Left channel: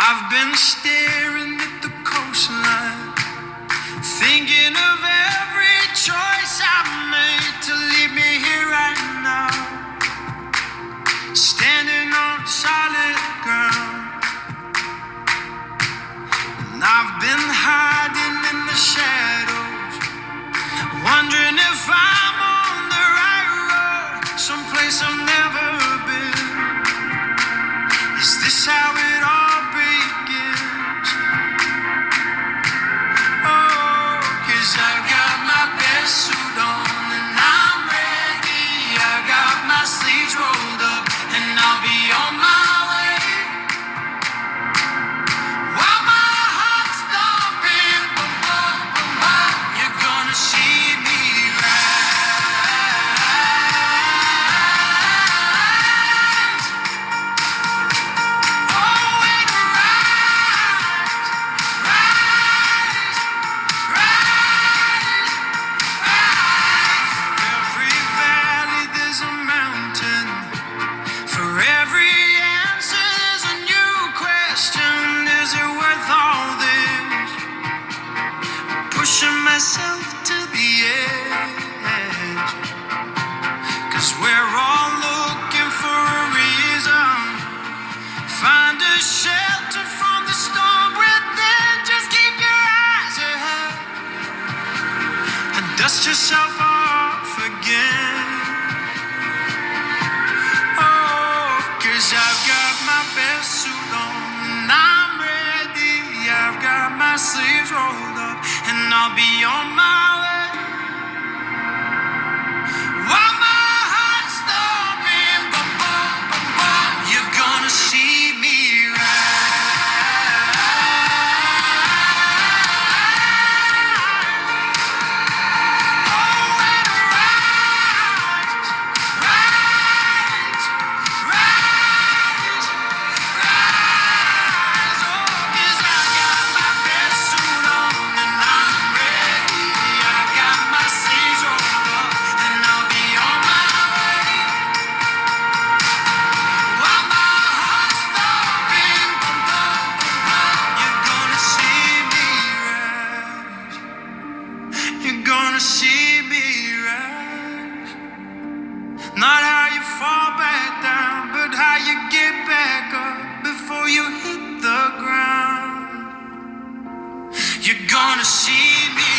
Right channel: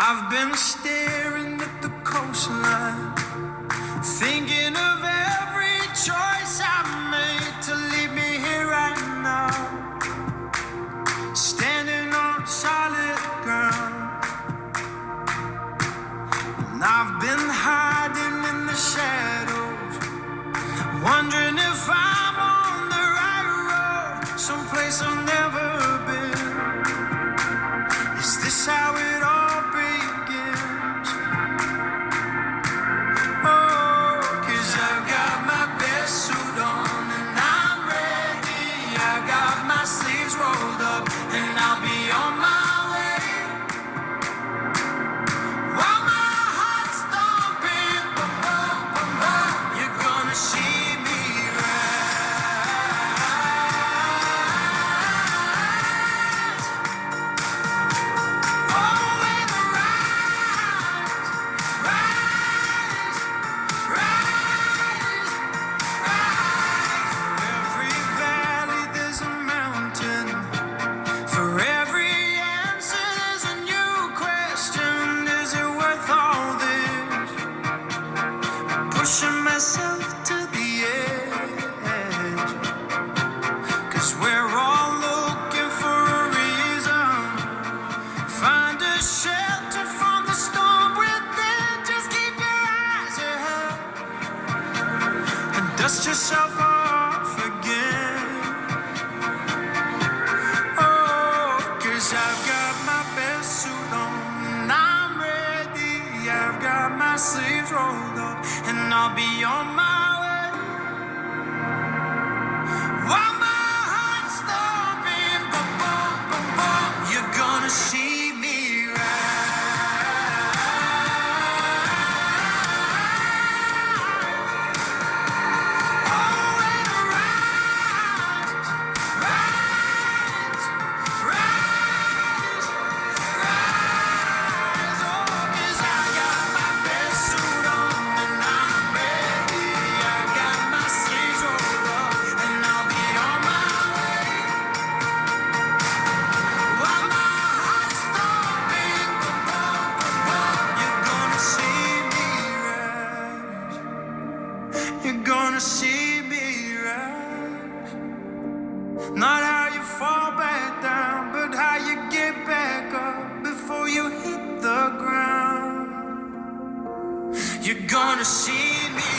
I've been staring at the coastline, thinking of every choice I've made to leave me here right now, standing on solid ground. And I've been hiding in the shadows, wondering if I'm on the right road, someplace I've never been. Is this how it all begins? Oh, 'cause I've got my best suit on and I'm ready. I got my sleeves rolled up and I'll be on my way. While my heart's thumping, bum, bum, bum, bum, you're gonna see me rise. Oh, and rise, rise, rise, rise. For every valley there's a mountain. For every answer there's a new question. Is it worth all this? Pushing myself to the edge. 'Cause we're all looking for a reason. Find a shelter from the storm within. Just keep your eyes ahead and dust yourself off again. Oh, 'cause I've got my best suit on and I'm ready. I've got my sleeves rolled up and I'll be on my way. While my heart's thumping, bum, bum, bum, bum, you're gonna see me rise. Oh, and rise, rise, rise, rise. Oh, 'cause I got my best suit on and I'm ready. I got my sleeves rolled up and I'll be on my way. While my heart's thumping, bum, bum, bum, bum, you're gonna see me rise. You're gonna see me rise. Not how you fall back down, but how you get back up before you hit the ground. You're gonna see me